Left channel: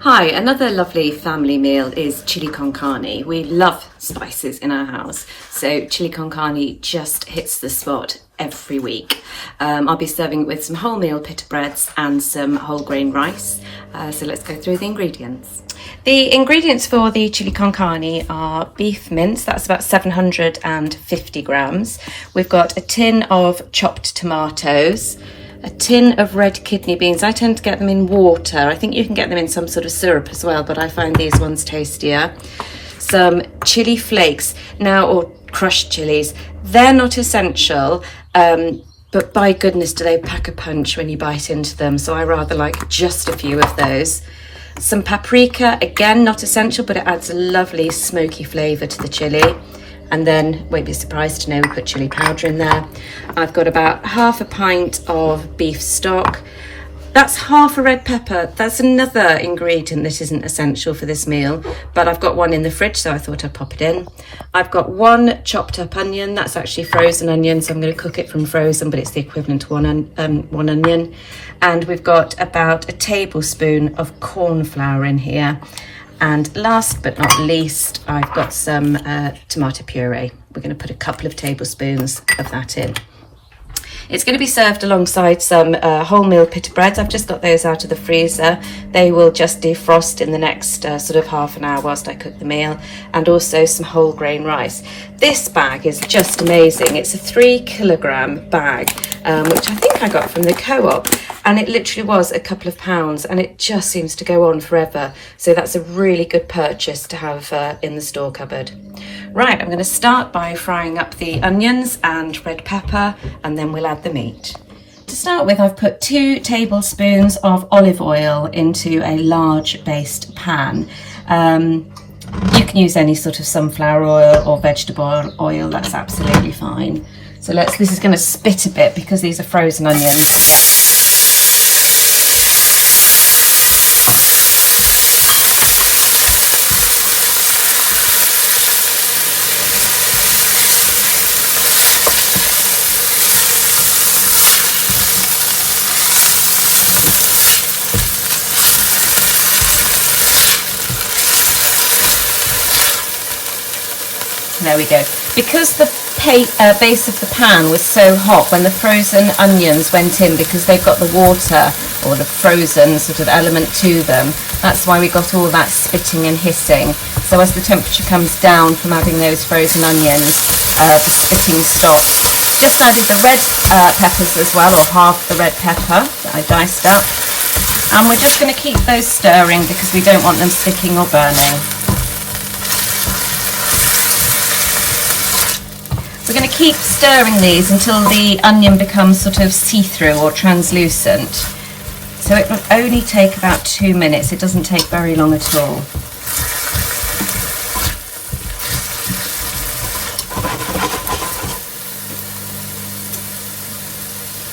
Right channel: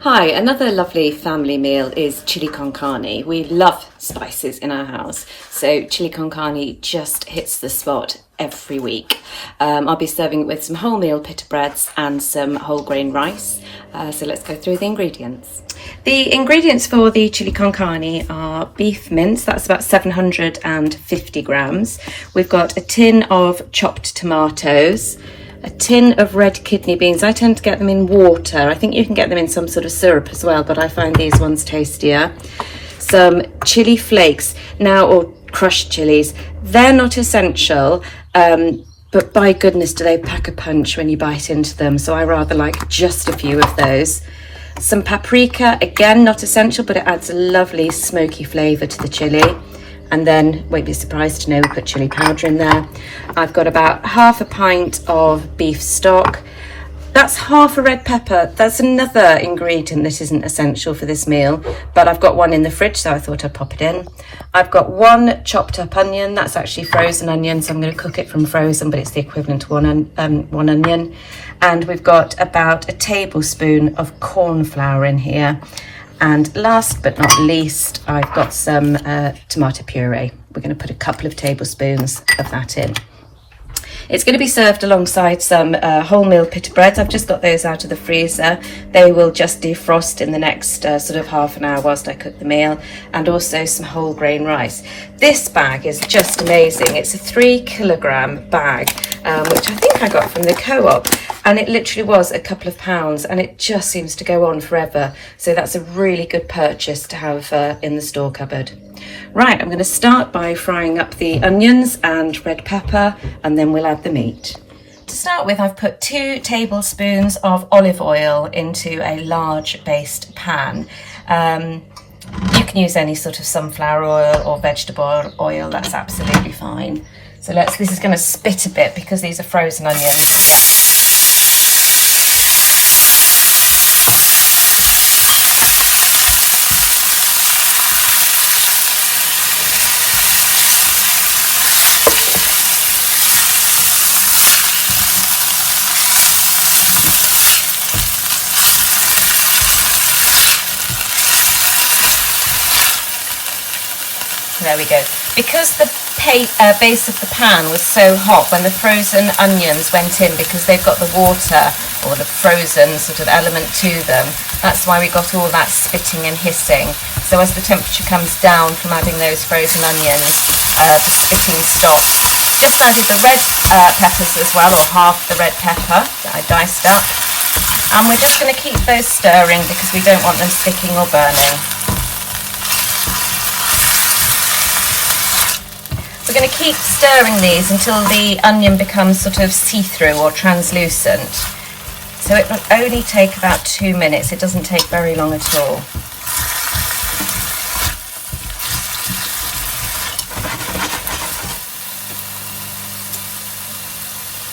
Hi, another lovely family meal is chili con carne. We love spices in our house, so chili con carne just hits the spot every week. I'll be serving it with some wholemeal pita breads and some whole grain rice. So let's go through the ingredients. The ingredients for the chili con carne are beef mince, that's about 750 grams. We've got a tin of chopped tomatoes, a tin of red kidney beans. I tend to get them in water. I think you can get them in some sort of syrup as well, but I find these ones tastier. Some chili flakes, now, or crushed chilies. They're not essential, but by goodness do they pack a punch when you bite into them. So I rather like just a few of those. Some paprika, again, not essential, but it adds a lovely smoky flavour to the chili. And then, won't be surprised to know we put chili powder in there. I've got about half a pint of beef stock. That's half a red pepper. That's another ingredient that isn't essential for this meal, but I've got one in the fridge, so I thought I'd pop it in. I've got one chopped up onion. That's actually frozen onion, so I'm going to cook it from frozen, but it's the equivalent to one onion. And we've got about a tablespoon of corn flour in here. And last but not least, I've got some tomato puree. We're going to put a couple of tablespoons of that in. It's going to be served alongside some wholemeal pita breads. I've just got those out of the freezer. They will just defrost in the next sort of half an hour whilst I cook the meal, and also some whole grain rice. This bag is just amazing. It's a 3 kilogram bag, which I think I got from the co-op, and it literally was a couple of pounds, and it just seems to go on forever. So that's a really good purchase to have in the store cupboard. Right, I'm going to start by frying up the onions and red pepper, and then we'll add the meat. To start with, I've put 2 tablespoons of olive oil into a large based pan. You can use any sort of sunflower oil or vegetable oil, that's absolutely fine. So this is going to spit a bit because these are frozen onions. There we go. Because the base of the pan was so hot when the frozen onions went in, because they've got the water or the frozen sort of element to them, that's why we got all that spitting and hissing. So as the temperature comes down from adding those frozen onions, the spitting stops. Just added the red peppers as well, or half the red pepper that I diced up. And we're just going to keep those stirring because we don't want them sticking or burning. We're going to keep stirring these until the onion becomes sort of see-through or translucent. So it will only take about 2 minutes. It doesn't take very long at all.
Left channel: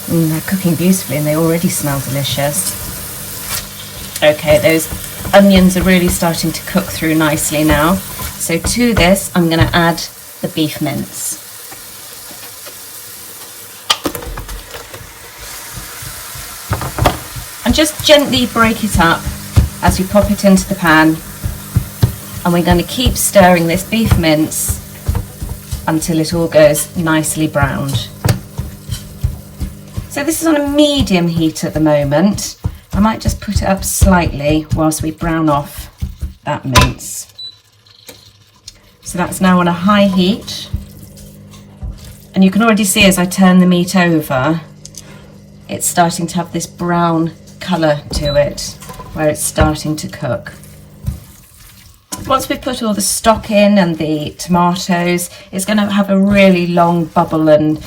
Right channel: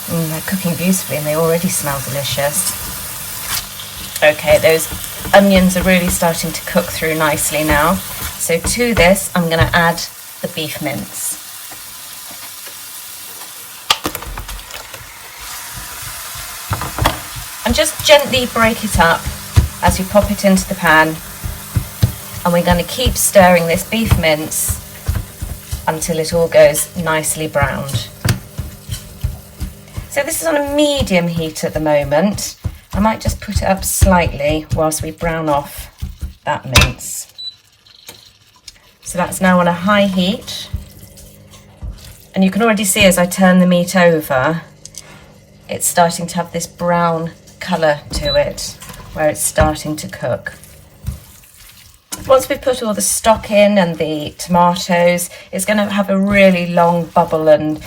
They're cooking beautifully and they already smell delicious. Okay, those onions are really starting to cook through nicely now. So to this, I'm going to add the beef mince. And just gently break it up as you pop it into the pan, and we're going to keep stirring this beef mince until it all goes nicely browned. So this is on a medium heat at the moment. I might just put it up slightly whilst we brown off that mince. So that's now on a high heat, and you can already see as I turn the meat over, it's starting to have this brown colour to it, where it's starting to cook. Once we've put all the stock in and the tomatoes, it's going to have a really long bubble and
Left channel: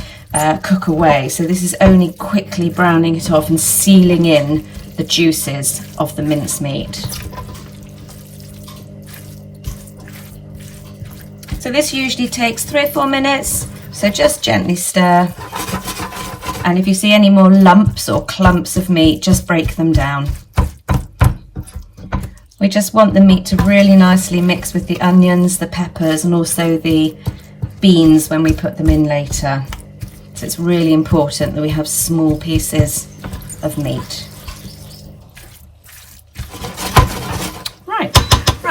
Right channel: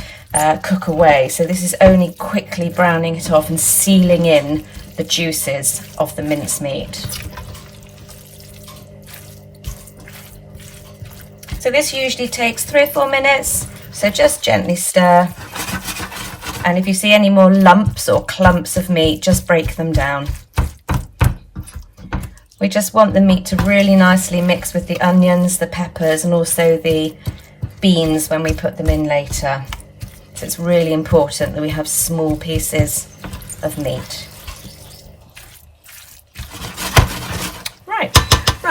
cook away. So this is only quickly browning it off and sealing in the juices of the mincemeat. So this usually takes 3 or 4 minutes, so just gently stir. And if you see any more lumps or clumps of meat, just break them down. We just want the meat to really nicely mix with the onions, the peppers, and also the beans when we put them in later. So it's really important that we have small pieces of meat.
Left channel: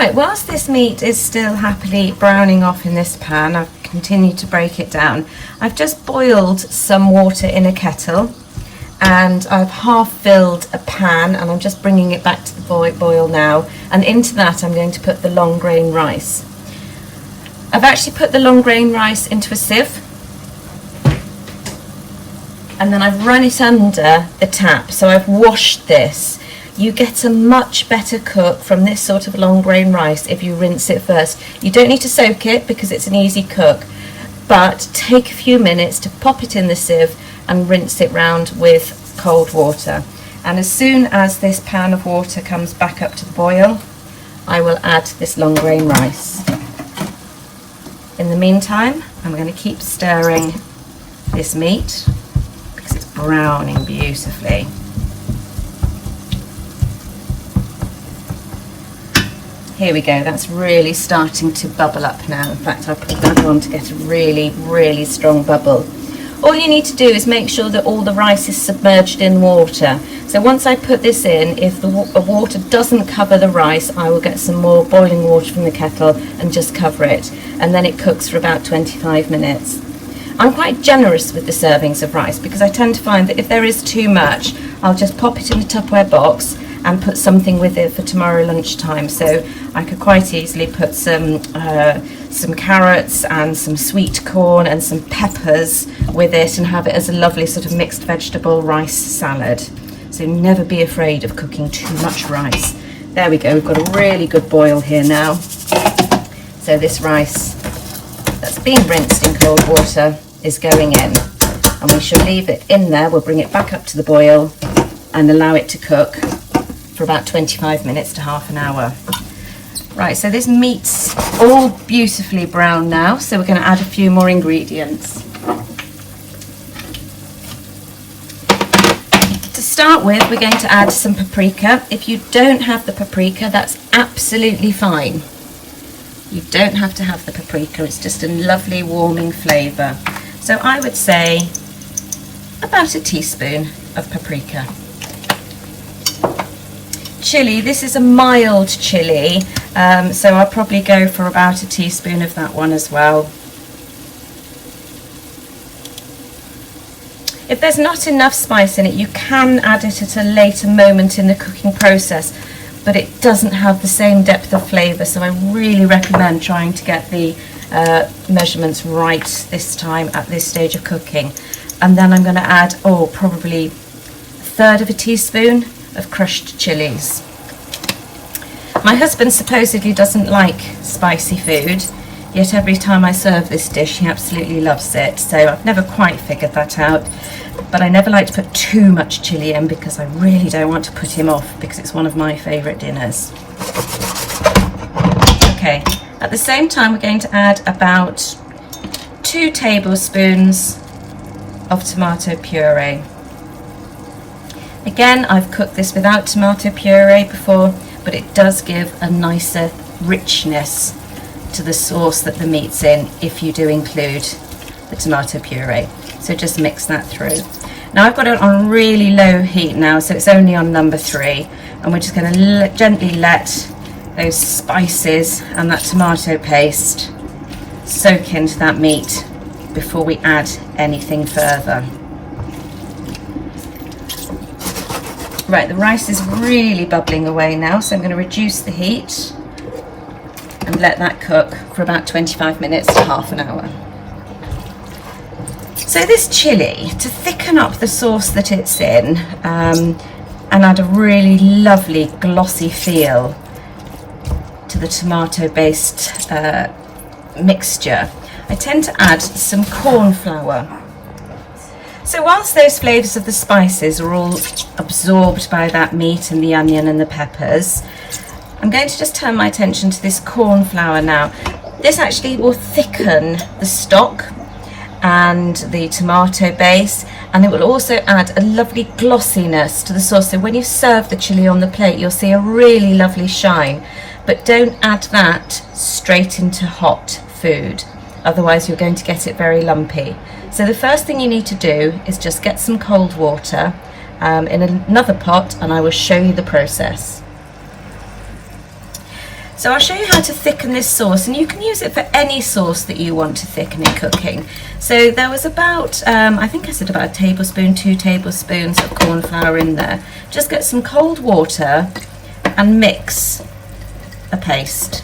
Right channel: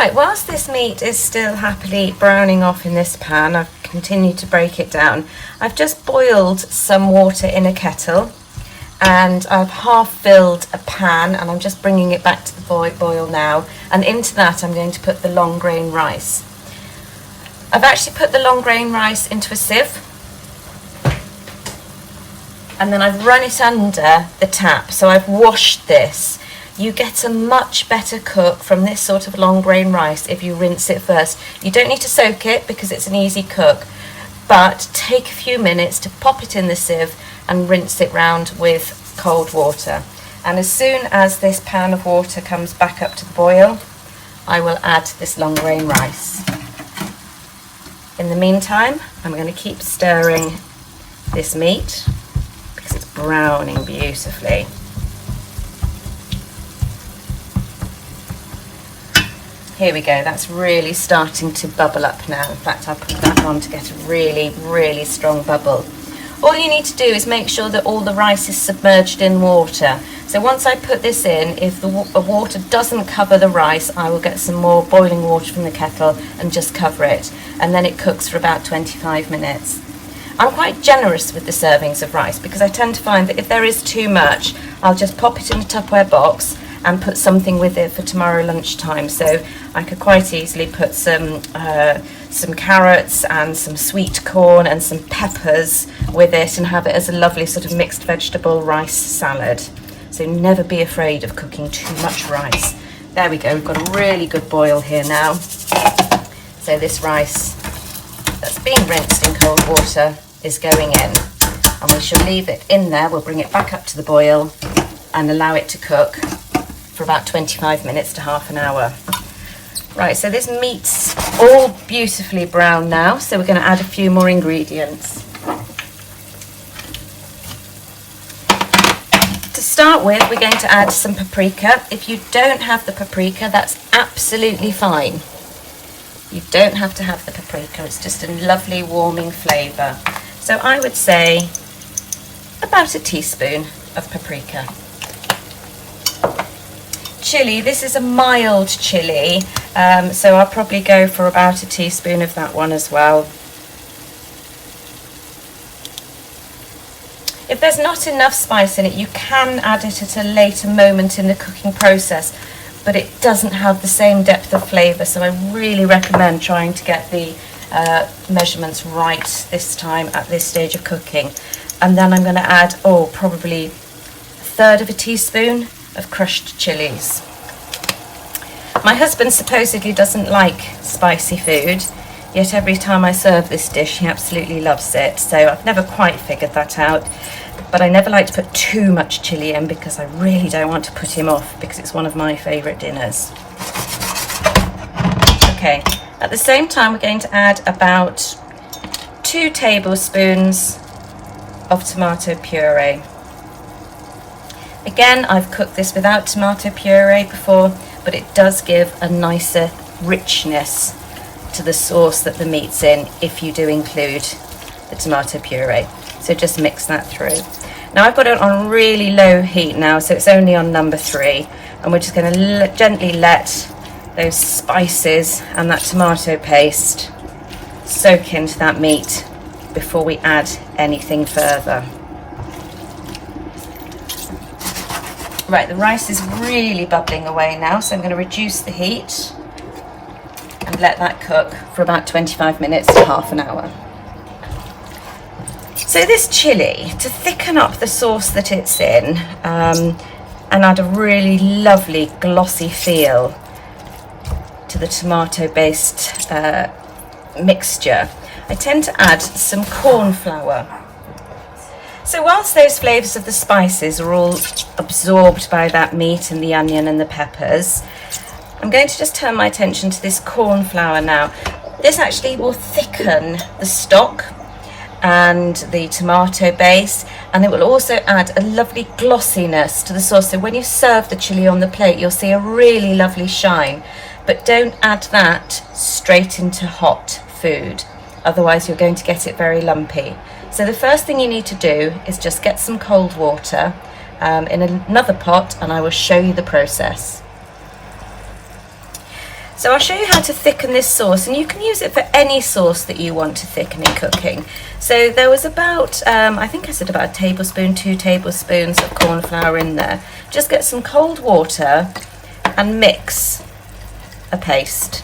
Right, whilst this meat is still happily browning off in this pan, I've continued to break it down. I've just boiled some water in a kettle, and I've half filled a pan, and I'm just bringing it back to the boil now, and into that I'm going to put the long grain rice. I've actually put the long grain rice into a sieve, and then I've run it under the tap, so I've washed this. You get a much better cook from this sort of long grain rice if you rinse it first. You don't need to soak it because it's an easy cook, but take a few minutes to pop it in the sieve and rinse it round with cold water. And as soon as this pan of water comes back up to the boil, I will add this long grain rice. In the meantime, I'm going to keep stirring this meat because it's browning beautifully. Here we go, that's really starting to bubble up now. In fact, I put that on to get a really, really strong bubble. All you need to do is make sure that all the rice is submerged in water. So once I put this in, if the water doesn't cover the rice, I will get some more boiling water from the kettle and just cover it. And then it cooks for about 25 minutes. I'm quite generous with the servings of rice because I tend to find that if there is too much, I'll just pop it in a Tupperware box and put something with it for tomorrow lunchtime. So I could quite easily put some carrots and some sweet corn and some peppers with it and have it as a lovely sort of mixed vegetable rice salad. So never be afraid of cooking too much rice. There we go, we've got a really good boil here now. So this rice that's been rinsed in cold water is going in, and we shall leave it in there. We'll bring it back up to the boil and allow it to cook for about 25 minutes to half an hour. Right, so this meat's all beautifully brown now, so we're going to add a few more ingredients. To start with, we're going to add some paprika. If you don't have the paprika, that's absolutely fine. You don't have to have the paprika, it's just a lovely warming flavour. So I would say about a teaspoon of paprika. Chili, this is a mild chili, so I'll probably go for about a teaspoon of that one as well. If there's not enough spice in it, you can add it at a later moment in the cooking process, but it doesn't have the same depth of flavour, so I really recommend trying to get the measurements right this time at this stage of cooking. And then I'm going to add, probably a third of a teaspoon of crushed chilies. My husband supposedly doesn't like spicy food, yet every time I serve this dish he absolutely loves it, so I've never quite figured that out. But I never like to put too much chilli in because I really don't want to put him off, because it's one of my favourite dinners. Okay, at the same time we're going to add about 2 tablespoons of tomato puree. Again, I've cooked this without tomato puree before, but it does give a nicer richness to the sauce that the meat's in if you do include the tomato puree. So just mix that through. Now I've got it on really low heat now, so it's only on number 3, and we're just going to gently let those spices and that tomato paste soak into that meat before we add anything further. Right, the rice is really bubbling away now, so I'm going to reduce the heat and let that cook for about 25 minutes to half an hour. So this chilli, to thicken up the sauce that it's in and add a really lovely glossy feel to the tomato-based mixture, I tend to add some corn flour. So whilst those flavours of the spices are all absorbed by that meat and the onion and the peppers, I'm going to just turn my attention to this corn flour now. This actually will thicken the stock and the tomato base, and it will also add a lovely glossiness to the sauce. So when you serve the chilli on the plate, you'll see a really lovely shine. But don't add that straight into hot food, otherwise you're going to get it very lumpy. So the first thing you need to do is just get some cold water in another pot, and I will show you the process. So I'll show you how to thicken this sauce, and you can use it for any sauce that you want to thicken in cooking. So there was about, I think I said about a tablespoon, 2 tablespoons of corn flour in there. Just get some cold water and mix a paste,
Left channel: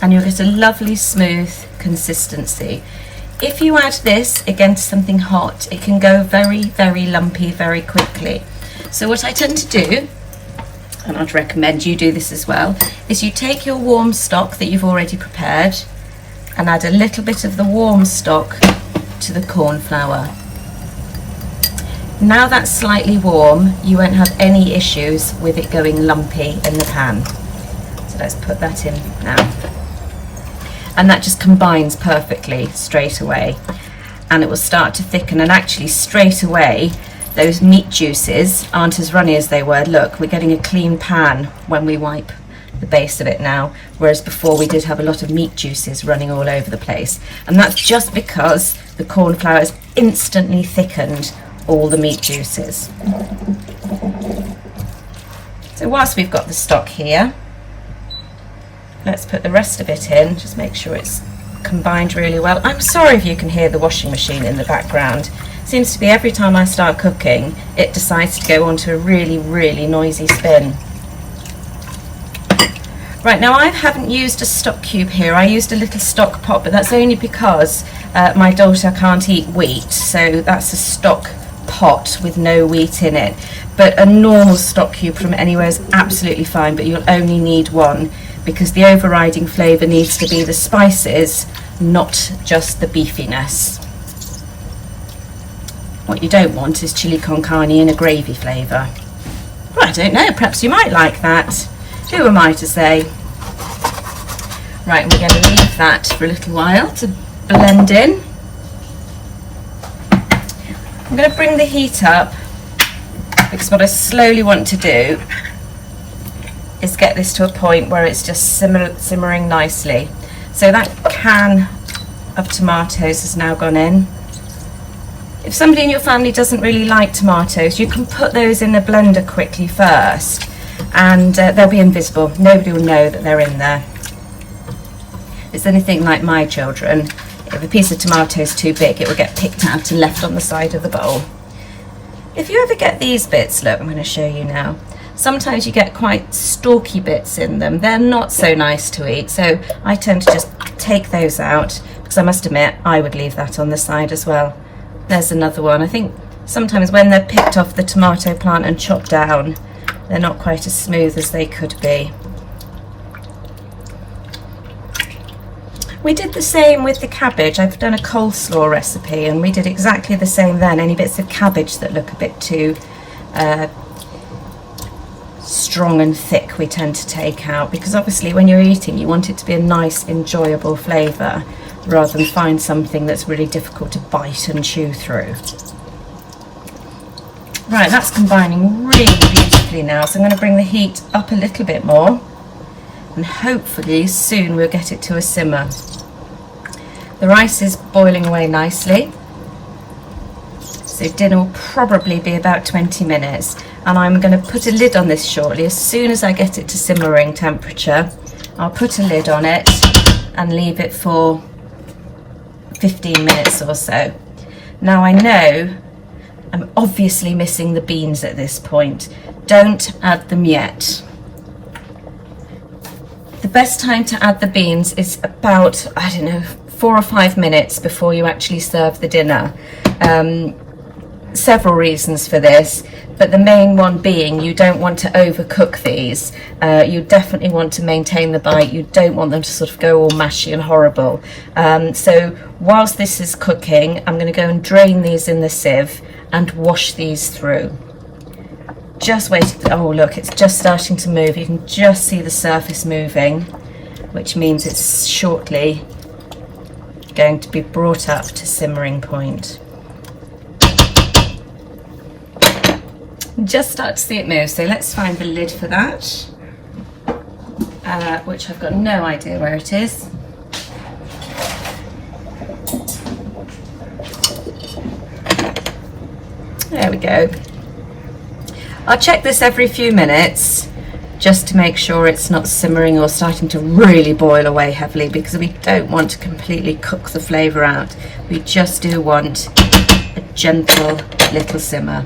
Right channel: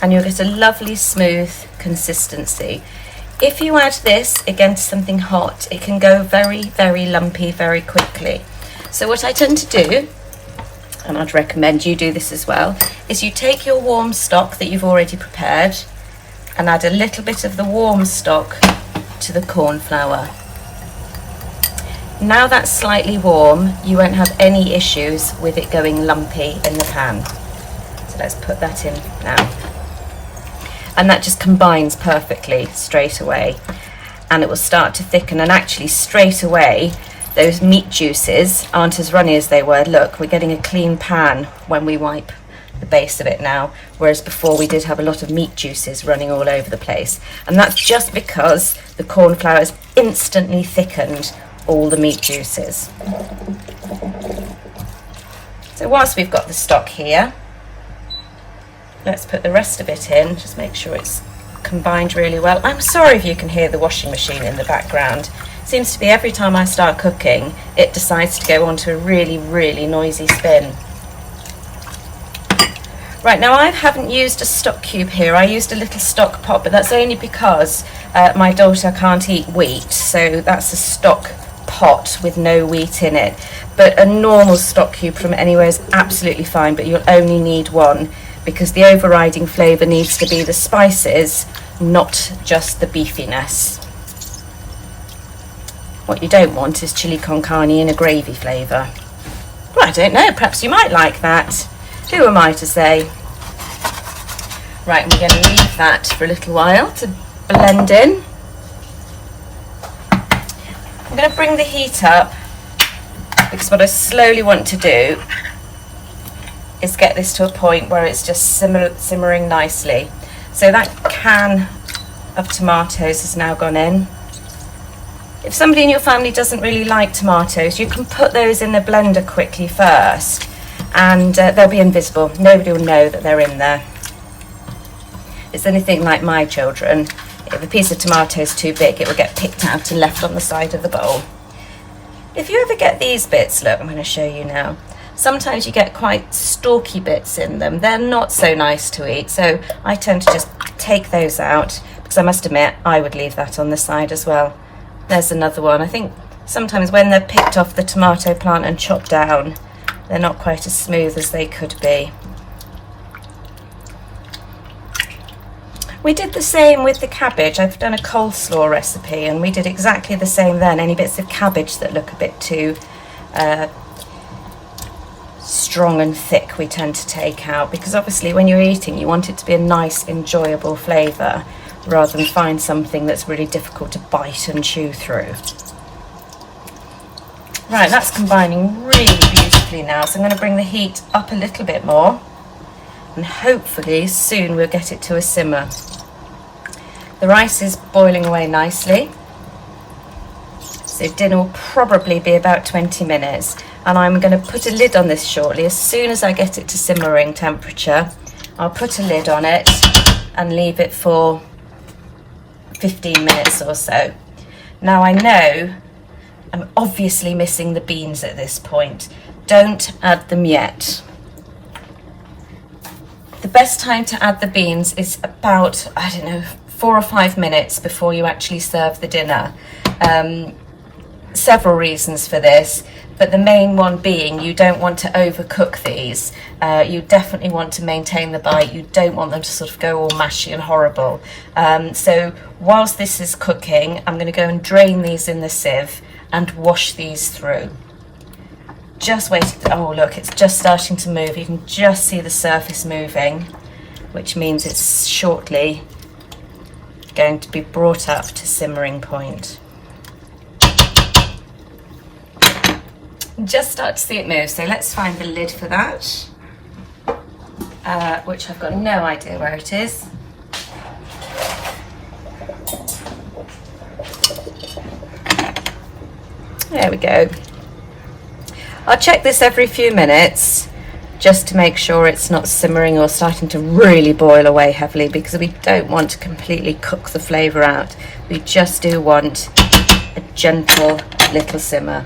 and you'll get a lovely smooth consistency. If you add this again to something hot, it can go very, very lumpy very quickly. So what I tend to do, and I'd recommend you do this as well, is you take your warm stock that you've already prepared and add a little bit of the warm stock to the corn flour. Now that's slightly warm, you won't have any issues with it going lumpy in the pan. So let's put that in now. And that just combines perfectly straight away, and it will start to thicken, and actually straight away those meat juices aren't as runny as they were. Look, we're getting a clean pan when we wipe the base of it now, whereas before we did have a lot of meat juices running all over the place, and that's just because the corn flour has instantly thickened all the meat juices. So whilst we've got the stock here, let's put the rest of it in, just make sure it's combined really well. I'm sorry if you can hear the washing machine in the background. Seems to be every time I start cooking, it decides to go onto a really, really noisy spin. Right, now I haven't used a stock cube here, I used a little stock pot, but that's only because my daughter can't eat wheat, so that's a stock pot with no wheat in it. But a normal stock cube from anywhere is absolutely fine, but you'll only need one, because the overriding flavour needs to be the spices, not just the beefiness. What you don't want is chili con carne in a gravy flavour. Well, I don't know, perhaps you might like that. Who am I to say? Right, we're going to leave that for a little while to blend in. I'm going to bring the heat up, because what I slowly want to do is get this to a point where it's just simmering nicely. So that can of tomatoes has now gone in. If somebody in your family doesn't really like tomatoes, you can put those in the blender quickly first, and they'll be invisible. Nobody will know that they're in there. If it's anything like my children, if a piece of tomato is too big, it will get picked out and left on the side of the bowl. If you ever get these bits, look, I'm going to show you now. Sometimes you get quite stalky bits in them. They're not so nice to eat, so I tend to just take those out, because I must admit I would leave that on the side as well. There's another one. I think sometimes when they're picked off the tomato plant and chopped down, they're not quite as smooth as they could be. We did the same with the cabbage. I've done a coleslaw recipe, and we did exactly the same then. Any bits of cabbage that look a bit too strong and thick, we tend to take out, because obviously when you're eating you want it to be a nice enjoyable flavour, rather than find something that's really difficult to bite and chew through. Right, that's combining really beautifully now, so I'm going to bring the heat up a little bit more, and hopefully soon we'll get it to a simmer. The rice is boiling away nicely, so dinner will probably be about 20 minutes, and I'm going to put a lid on this shortly. As soon as I get it to simmering temperature, I'll put a lid on it and leave it for 15 minutes or so. Now I know I'm obviously missing the beans at this point. Don't add them yet. The best time to add the beans is about, I don't know, 4 or 5 minutes before you actually serve the dinner. Several reasons for this, but the main one being you don't want to overcook these. You definitely want to maintain the bite. You don't want them to sort of go all mashy and horrible. So whilst this is cooking, I'm going to go and drain these in the sieve and wash these through. Just wait. Oh look, it's just starting to move. You can just see the surface moving, which means it's shortly going to be brought up to simmering point. Just start to see it move, so let's find the lid for that, which I've got no idea where it is. There we go. I'll check this every few minutes just to make sure it's not simmering or starting to really boil away heavily, because we don't want to completely cook the flavour out. We just do want a gentle little simmer.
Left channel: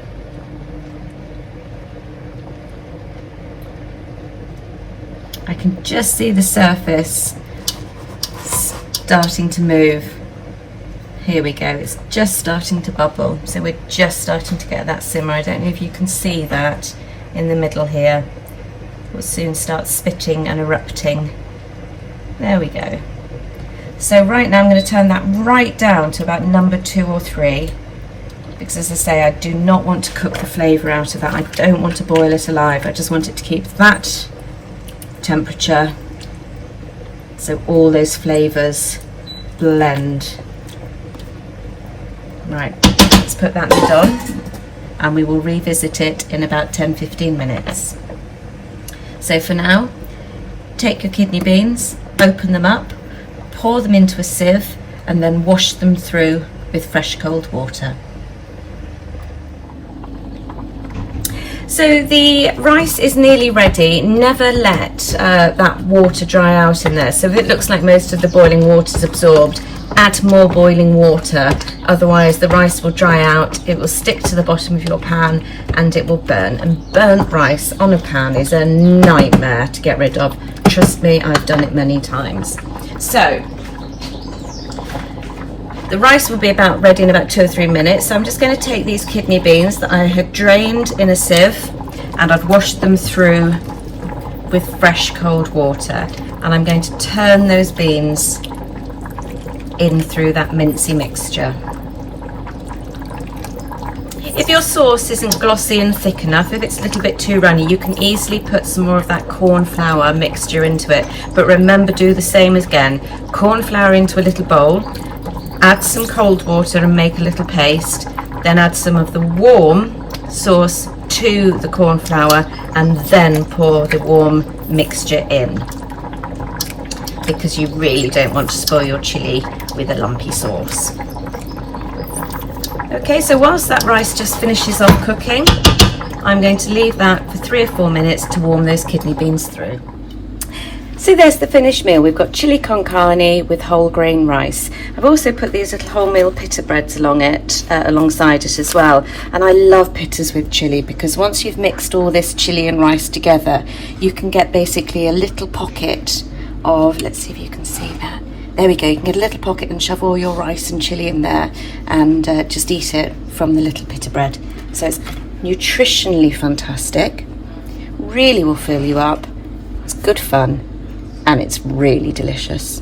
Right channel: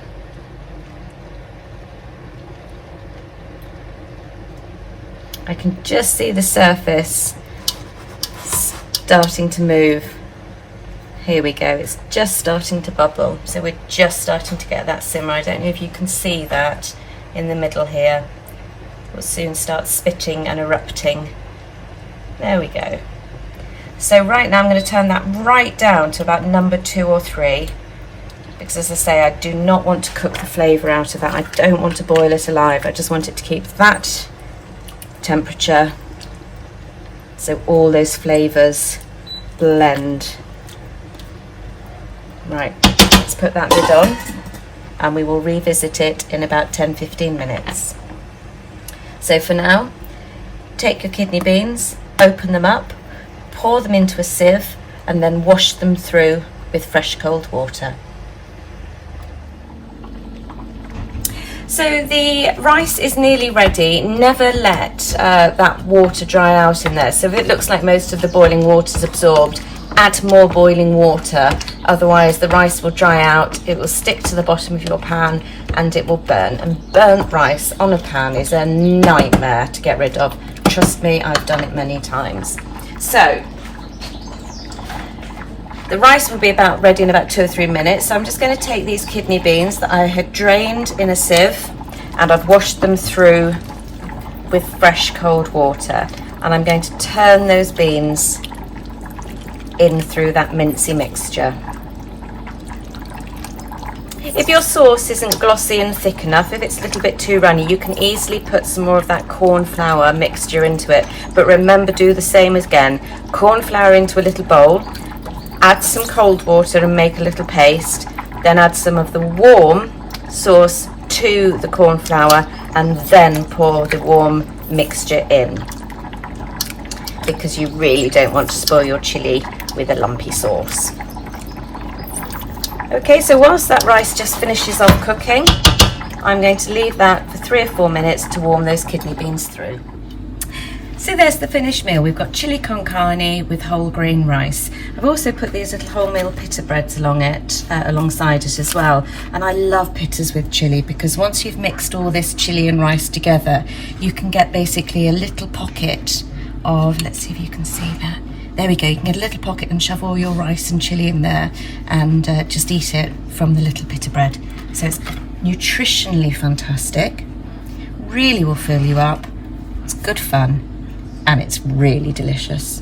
I can just see the surface starting to move. Here we go, it's just starting to bubble, so we're just starting to get that simmer. I don't know if you can see that in the middle here. We'll soon start spitting and erupting. There we go. So right now I'm going to turn that right down to about number 2 or 3, because as I say, I do not want to cook the flavour out of that. I don't want to boil it alive. I just want it to keep that temperature so all those flavours blend. Right, let's put that lid on and we will revisit it in about 10-15 minutes. So for now, take your kidney beans, open them up, pour them into a sieve and then wash them through with fresh cold water. So the rice is nearly ready. Never let that water dry out in there. So if it looks like most of the boiling water is absorbed, add more boiling water, otherwise the rice will dry out, it will stick to the bottom of your pan and it will burn. And burnt rice on a pan is a nightmare to get rid of. Trust me, I've done it many times. So the rice will be about ready in about 2 or 3 minutes. So I'm just going to take these kidney beans that I had drained in a sieve and I've washed them through with fresh cold water, and I'm going to turn those beans in through that mincy mixture. If your sauce isn't glossy and thick enough, if it's a little bit too runny, you can easily put some more of that corn flour mixture into it. But remember, do the same again. Corn flour into a little bowl, add some cold water and make a little paste, then add some of the warm sauce to the corn flour and then pour the warm mixture in, because you really don't want to spoil your chilli with a lumpy sauce. Okay, so whilst that rice just finishes off cooking, I'm going to leave that for 3 or 4 minutes to warm those kidney beans through. So there's the finished meal. We've got chili con carne with whole grain rice. I've also put these little wholemeal pita breads alongside it as well. And I love pitas with chili, because once you've mixed all this chili and rice together, you can get basically a little pocket of, let's see if you can see that. There we go, you can get a little pocket and shove all your rice and chili in there and just eat it from the little pita bread. So it's nutritionally fantastic, really will fill you up, it's good fun, and it's really delicious.